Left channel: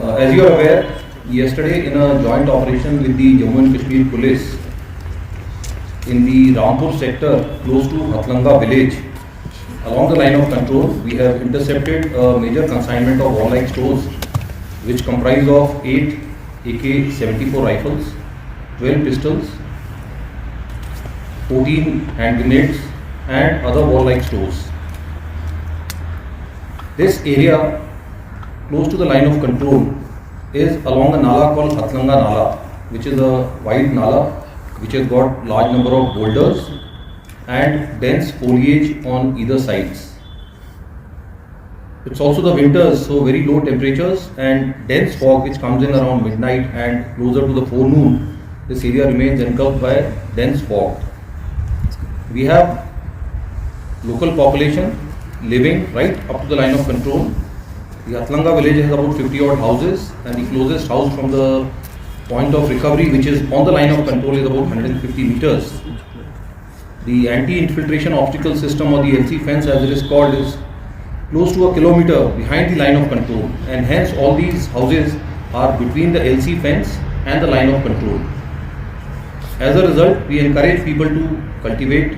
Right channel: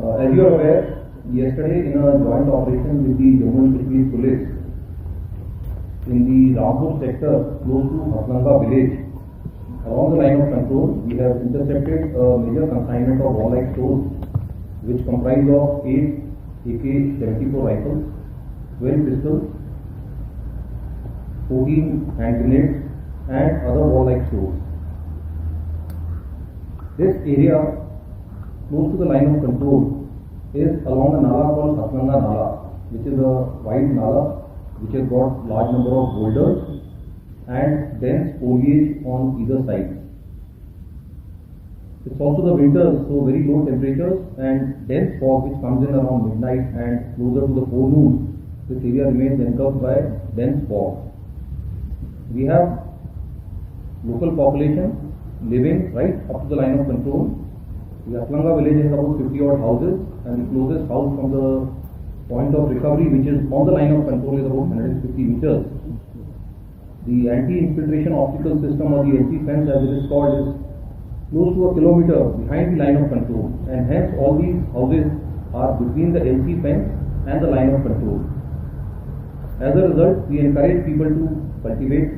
As you are aware, yesterday in a joint operation with the Jammu and Kashmir Police in the Rampore sector close to Hatlanga village, along the line of control, we have intercepted a major consignment of warlike stores which comprise of 8 AK-74 rifles, 12 pistols, 14 hand grenades and other warlike stores. This area close to the line of control is along a nala called Hatlanga Nala, which is a wide nala which has got large number of boulders and dense foliage on either sides. It's also the winters, so very low temperatures and dense fog which comes in around midnight and closer to the forenoon. This area remains engulfed by dense fog. We have local population living right up to the line of control. The Hatlanga village has about 50 odd houses and the closest house from the point of recovery, which is on the line of control, is about 150 meters. The anti-infiltration obstacle system, or the LC fence as it is called, is close to a kilometer behind the line of control, and hence all these houses are between the LC fence and the line of control. As a result, we encourage people to cultivate,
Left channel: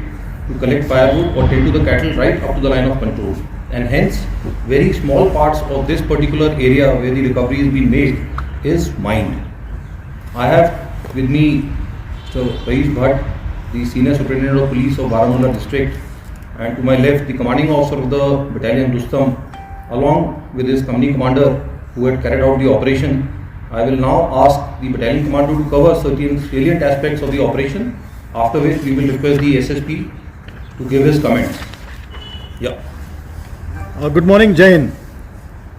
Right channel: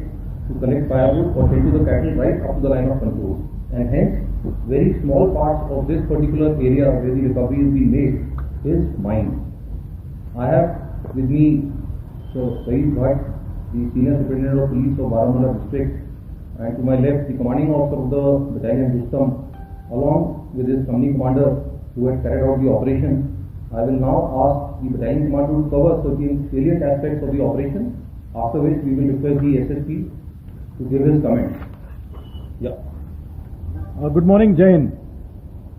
to collect firewood or tend to the cattle right up to the line of control, and hence very small parts of this particular area where the recovery is being made is mined. I have with me Mr. Raees Bhatt, the Senior Superintendent of Police of Baramulla District, and to my left the Commanding Officer of the Battalion Rustam, along with his company commander who had carried out the operation. I will now ask the Battalion Commander to cover certain salient aspects of the operation, after which we will request the SSP to give his comments. Yeah. Good morning, Jain.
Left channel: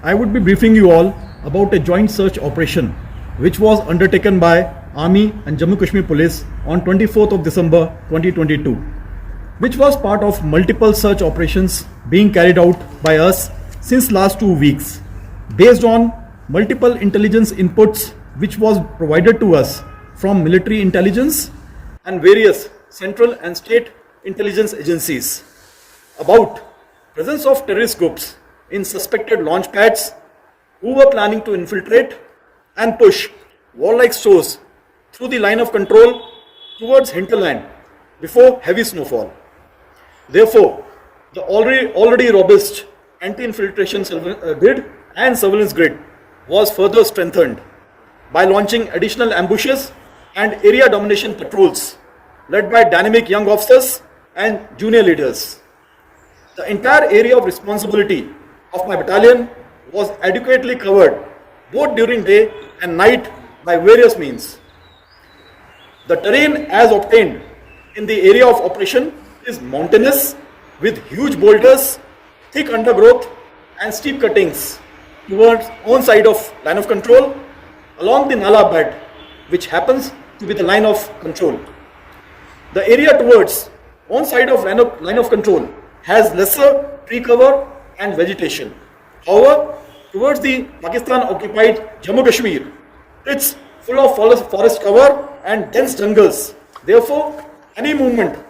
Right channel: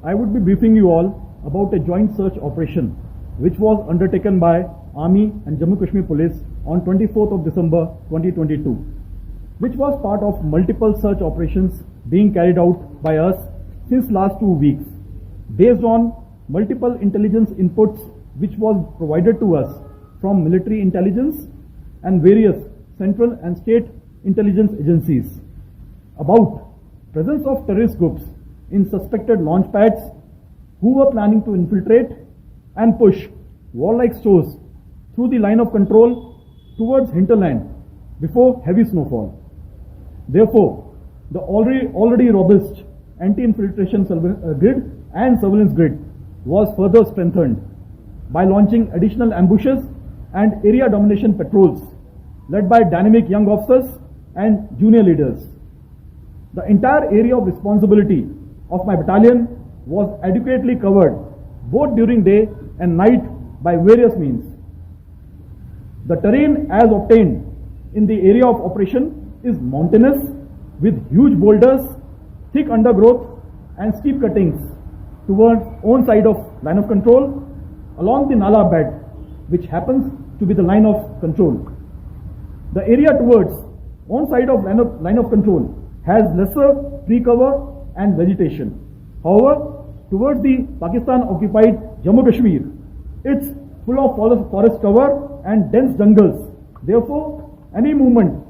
I would be briefing you all about a joint search operation which was undertaken by Army and Jammu Kashmir Police on 24th of December 2022, which was part of multiple search operations being carried out by us since last 2 weeks, based on multiple intelligence inputs which was provided to us from military intelligence and various central and state intelligence agencies about presence of terrorist groups in suspected launch pads who were planning to infiltrate and push warlike stores through the line of control towards hinterland before heavy snowfall. Therefore, the already robust anti-infiltration grid and surveillance grid was further strengthened by launching additional ambushes and area domination patrols led by dynamic young officers and junior leaders. The entire area of responsibility of my battalion was adequately covered both during day and night by various means. The terrain as obtained in the area of operation is mountainous with huge boulders, thick undergrowth and steep cuttings towards own side of line of control along the Nala bed, which happens to be the line of control. The area towards own side of line of control has lesser tree cover and vegetation. However, towards the Pakistan occupied Jammu Kashmir, it's full of forest cover and dense jungles. Therefore, any movement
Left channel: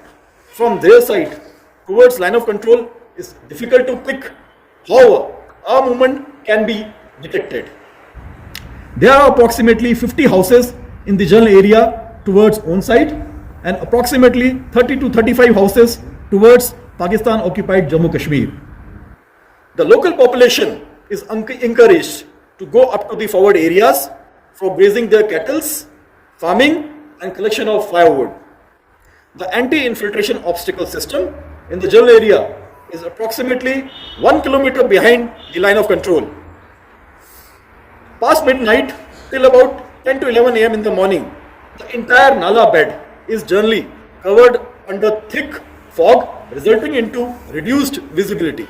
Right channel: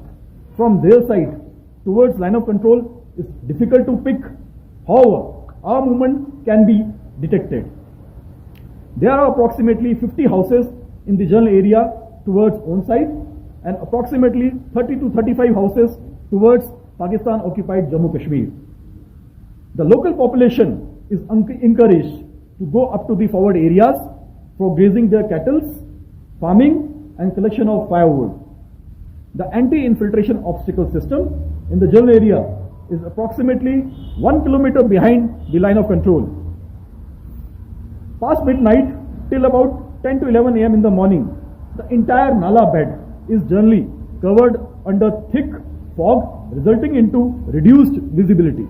from their side towards line of control is difficult to pick. However, our movement can be detected. There are approximately 50 houses in the general area towards own side and approximately 30 to 35 houses towards Pakistan occupied Jammu Kashmir. The local population is encouraged to go up to the forward areas for grazing their cattle, farming and collection of firewood. The anti-infiltration obstacle system in the general area is approximately 1 kilometer behind the line of control. Past midnight till about 10 to 11 am in the morning, the entire Nala bed is generally covered under thick fog, resulting into reduced visibility.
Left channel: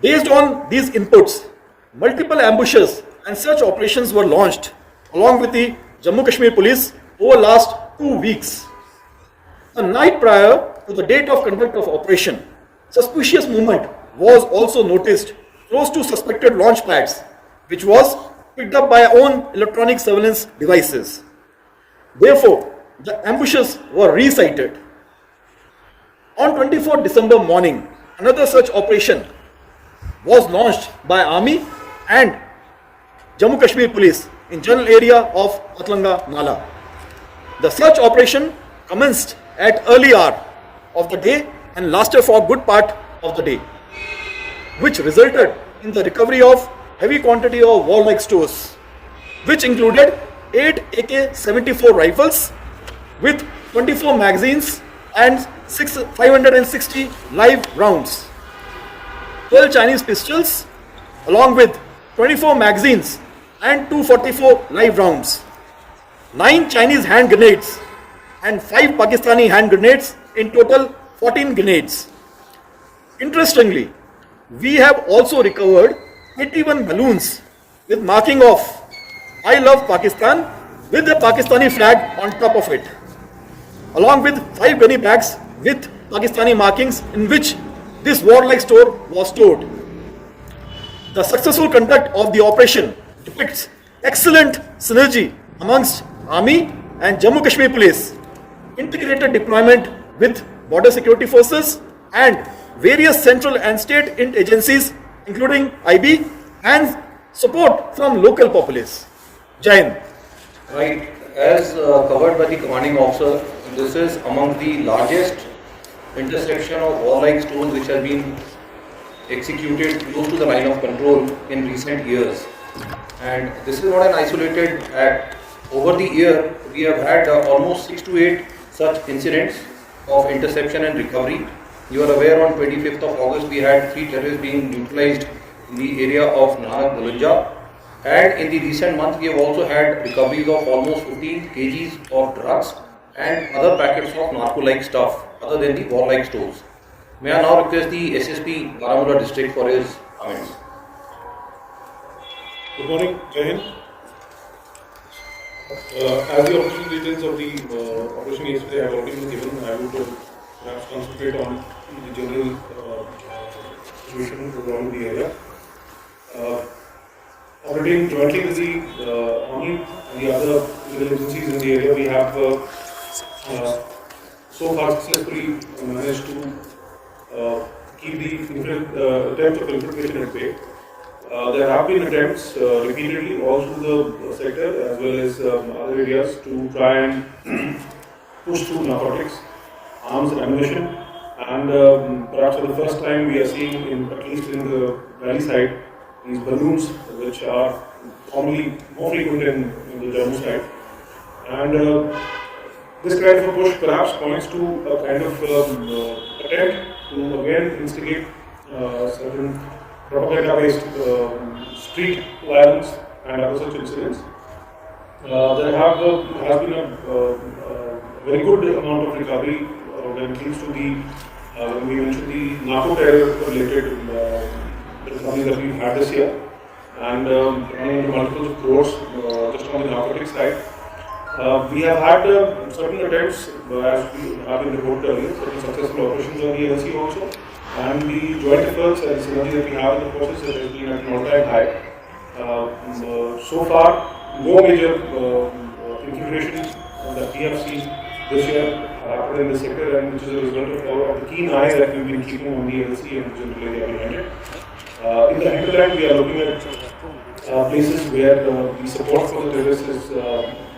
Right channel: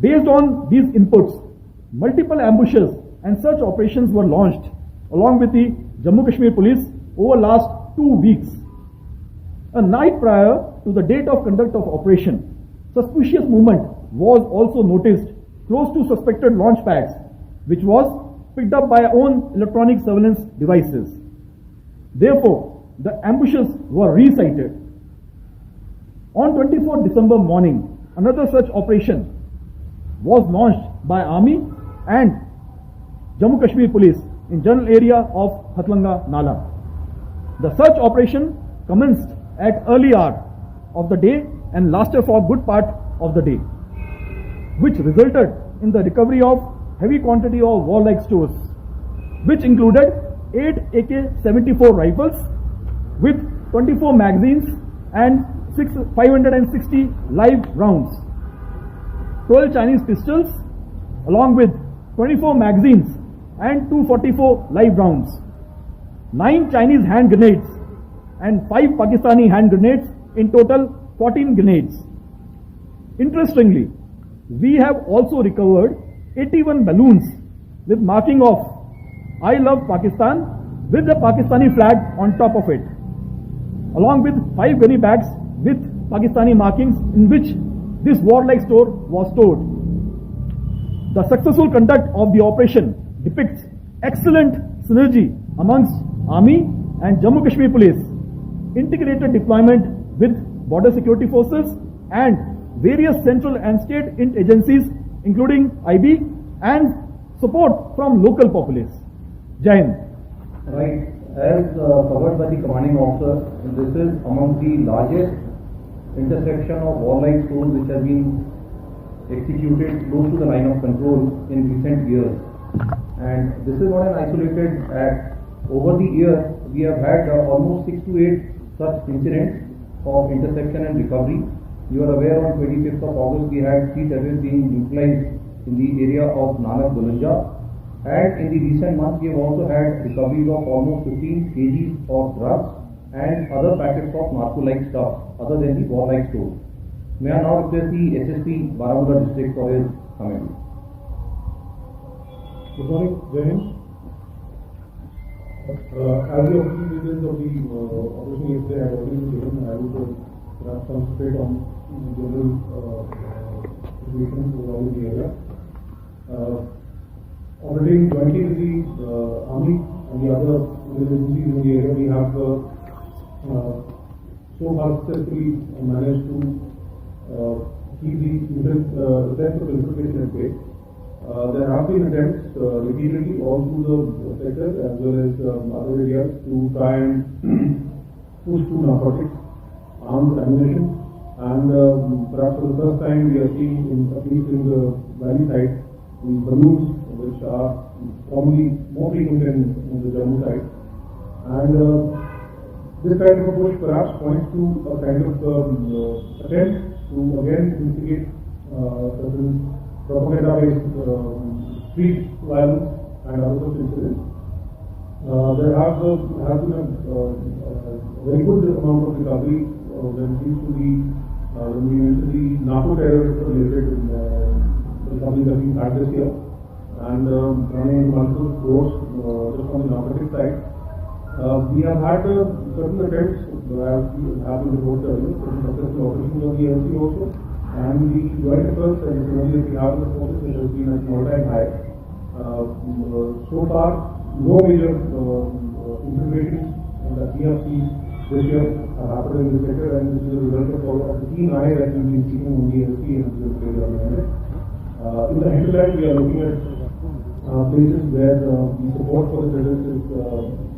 Based on these inputs, multiple ambushes and search operations were launched along with the Jammu Kashmir Police over last 2 weeks. A night prior to the date of conduct of operation, suspicious movement was also noticed close to suspected launch pads, which was picked up by our own electronic surveillance devices. Therefore, the ambushes were resighted. On 24th December morning, another such operation was launched by Army and Jammu Kashmir Police in general area of Hatlanga Nala. The search operation commenced at early hour of the day and lasted for a good part of the day, which resulted in the recovery of heavy quantity of warlike stores, which included 8 AK-74 rifles with 24 magazines and 560 live rounds, 12 Chinese pistols along with 24 magazines and 244 live rounds, 9 Chinese hand grenades and 5 Pakistani hand grenades, in total 14 grenades. Interestingly, we have also recovered 81 balloons with marking of I Love Pakistan with the Pakistani flag on top of it, along with 5 gunny bags with Pakistani markings in which this warlike store was stored. The successful conduct of the operation depicts excellent synergy amongst Army and Jammu Kashmir Police, integrated deployment with border security forces and various central and state agencies including IB and support from local populace. Jai Hind. Right, as covered by the commanding officer, this is among the largest intersection of warlike stores which has been executed close to the line of control in recent years. And this is not an isolated act. Over the year, we have had almost 6 to 8 such incidents of interception and recovery. You are aware on 25th of August, we had 3 terrorists being neutralized in the area of Nanak Dalunja. And in the recent months, we have also had recoveries of almost 15 kgs of drugs and other packets of narco-like stuff other than the warlike stores. May I now request the SSP Baramulla district for his comments. Good morning, Jai Hind. As the official details of the operation yesterday have already been given, I would perhaps concentrate on the general situation around the area. Operating jointly with the Army and the other legal agencies in the area, we have so far successfully managed to keep the attempts of infiltration at bay. There have been attempts repeatedly all through the sector as well as other areas to try and push through narcotics, arms, ammunition, and perhaps for the first time we are seeing, at least in the valley side, these balloons which are commonly more frequent in the Jammu side. And this kind of a push perhaps points to a kind of attempt to again instigate certain propaganda-based street violence and other such incidents. There has been a very good amount of recovery when it comes to when we mentioned the narco-terror related recovery that we've had this year, and running into multiple crores just on the narcotic side. We have had certain attempts, as we have been reported earlier, certain successful operations on the LC also, and the joint efforts and synergy that we have in the process has been at an all-time high. So far, no major infiltration that we have seen this year happened in the sector, and which is a result of the keen eye that we've been keeping on the LC and the general area behind it. In the hinterland, we are looking at places where the support for the terrorists is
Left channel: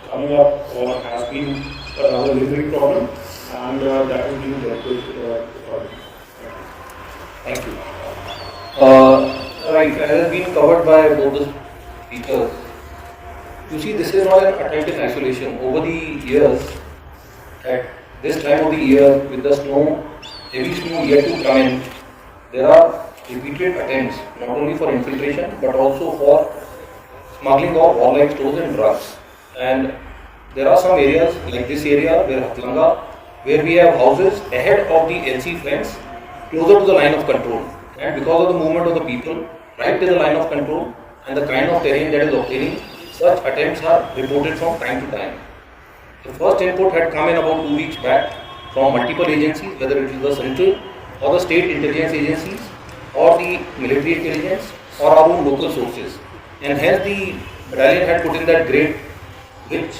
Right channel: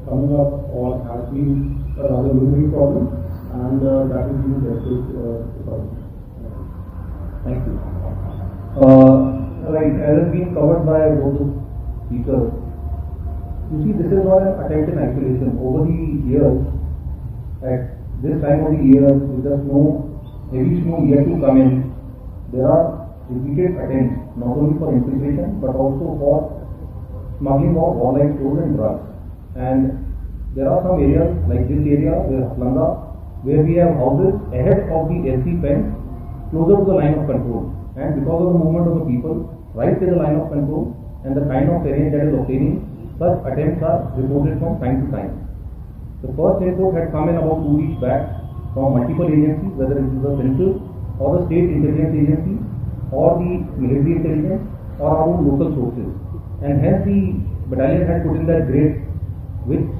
coming up or has been a rather lingering problem, and that is being dealt with. Thank you. Right, as has been covered by both the speakers, you see, this is not an attempt in isolation. Over the years, at this time of the year, with the snow, heavy snow yet to come in, there are repeated attempts not only for infiltration but also for smuggling of warlike stores and drugs. And there are some areas like this area where Hatlanga, where we have houses ahead of the LC fence, closer to the line of control, and because of the movement of the people right to the line of control and the kind of terrain that is obtaining, such attempts are reported from time to time. The first input had come in about 2 weeks back from multiple agencies, whether it is the central or the state intelligence agencies or the military intelligence or our own local sources, and hence the battalion had put in that grade which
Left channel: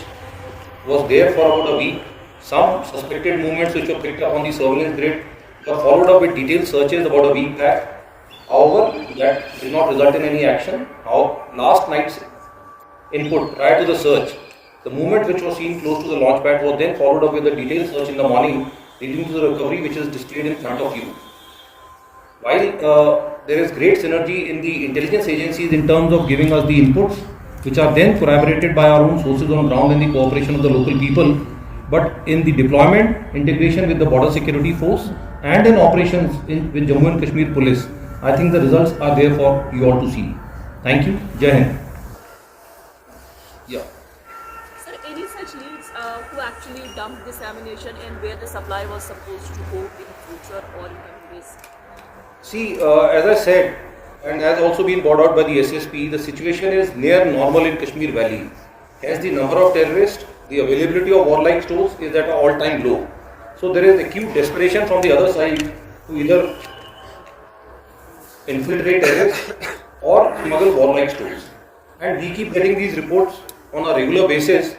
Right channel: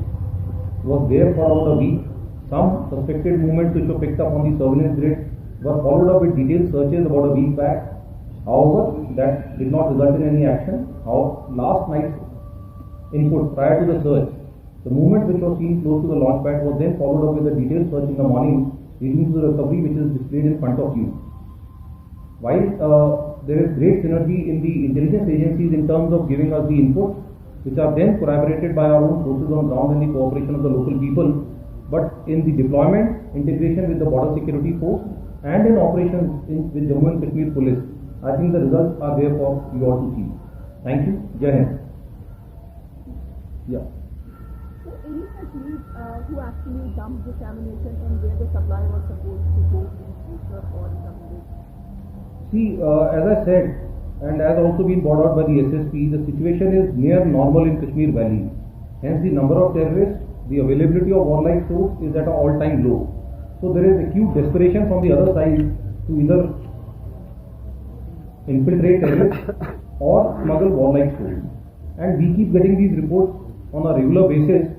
was there for about a week. Some suspected movements which were picked up on the surveillance grid were followed up with detailed searches about a week back. However, that did not result in any action. Last night's input prior to the search, the movement which was seen close to the launch pad was then followed up with a detailed search in the morning, leading to the recovery which is displayed in front of you. While there is great synergy in the intelligence agencies in terms of giving us the inputs, which are then corroborated by our own sources on ground and the cooperation of the local people, but in the deployment, integration with the border security force and in operations with Jammu and Kashmir police, I think the results are there for you all to see. Thank you. Jai Hind. Yeah. Sir, any such leads who actually dumped this ammunition and where the supply was supposed to go in future or in countries? See, as I said, and as also been brought out by the SSP, the situation is near normal in Kashmir Valley. Hence, the number of terrorists, the availability of warlike stores is at an all-time low. So there is acute desperation from the other side to either infiltrate terrorists or smuggle warlike stores. And we keep getting these reports on a regular basis.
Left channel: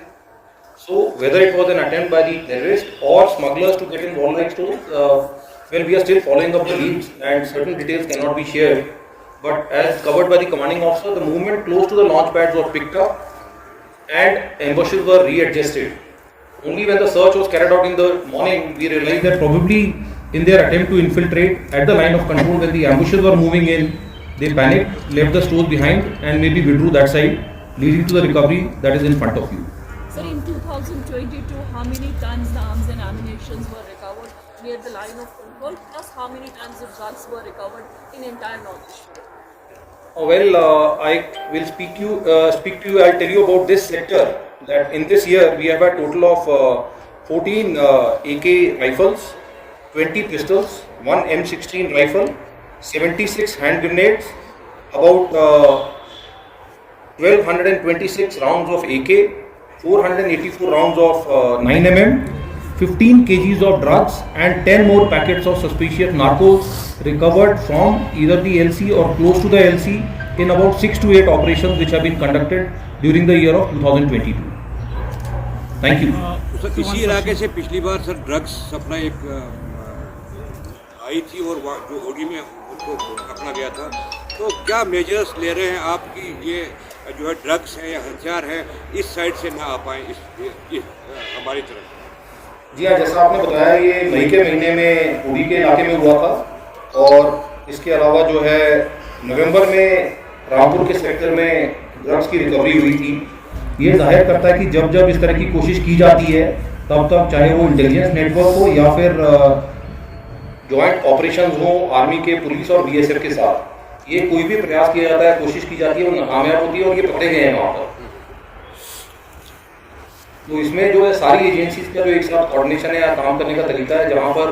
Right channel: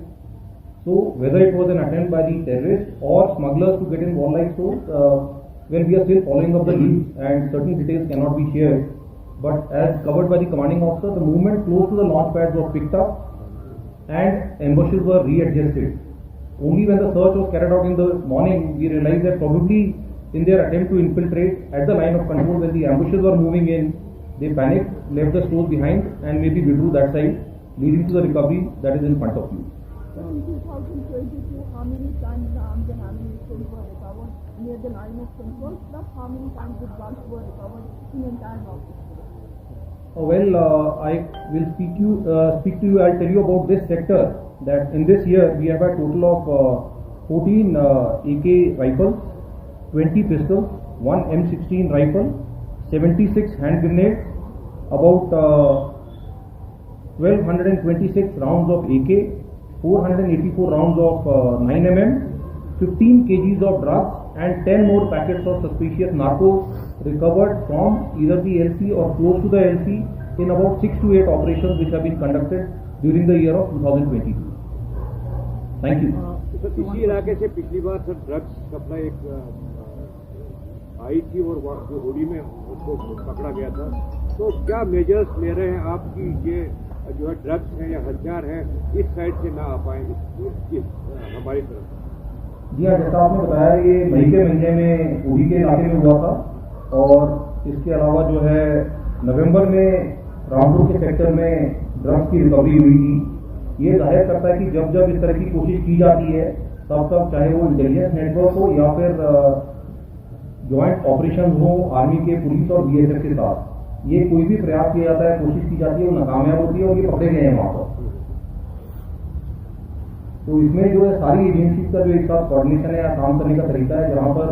So whether it was an attempt by the terrorists or smugglers to get in warlike stores, well, we are still following up the leads and certain details cannot be shared. But as covered by the commanding officer, the movement close to the launch pads was picked up and ambushes were readjusted. Only when the search was carried out in the morning, we realized that probably in their attempt to infiltrate at the line of control, when the ambushes were moving in, they panicked, left the stores behind and maybe withdrew that side, leading to the recovery that is in front of you. Sir, in 2022, how many tons of arms and ammunition were recovered near the line of control, plus how many tons of drugs were recovered in entire North? Well, I will speak to you. I'll tell you about this sector. That in this year we have a total of 14 AK rifles, 20 pistols, 1 M16 rifle, 76 hand grenades, about 1226 rounds of AK, 484 rounds of 9mm, 15 kgs of drugs and 10 more packets of suspicious narco recovered from either the LC or close to the LC in about 6 to 8 operations which have been conducted during the year of 2022. Thank you. Sir इसी इलाके से पिछली बार sir drugs supply एक आई थी और जो होड़ी में उनको पकड़ा गया था, तो क्या मेजर्स ले रहे हैं आपकी ये जो है ड्रग्स है या हथियार है इस साइड से ना आ पाए इस हमारी तरफ? जी हाँ, जैसा आपने बताया ये मई के महीने में उड़ी के इलाके में हुआ था और इसके अलावा जो है नवंबर में रामपुर के सेक्टर में ड्रग्स की रिकवरी हुई थी। ये जाहिर करता है कि जब जब इस तरह की कोशिश की जाती है तब तब चाहे वो इंटेलिजेंस नेटवर्क हो या फिर जॉइंट ऑपरेशंस हो आर्मी के, पुलिस और बीएसएफ के साथ, ये कोई भी प्रयास किया जाता है, कोशिश की जाती है, वो नाकामयाब होती है और ये पकड़े गए हैं वहाँ पर। तो इसमें जो है सारी एजेंसीज का जो एक साथ कोऑर्डिनेशन है या काम करने का तरीका है, जहाँ पर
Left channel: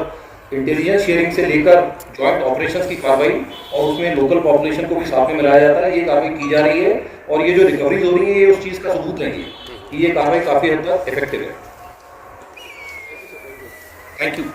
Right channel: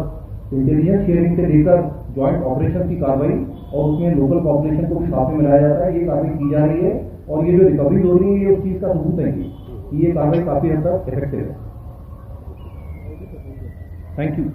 इंटेलिजेंस शेयरिंग से लेकर जॉइंट ऑपरेशंस की कार्रवाई और उसमें लोकल पॉपुलेशन को भी साथ में मिलाया जाता है, ये कार्रवाई की जा रही है और ये जो रिकवरीज हो रही है ये उस चीज़ का सबूत है कि ये कार्रवाई काफ़ी हद तक इफेक्टिव है। Thank you.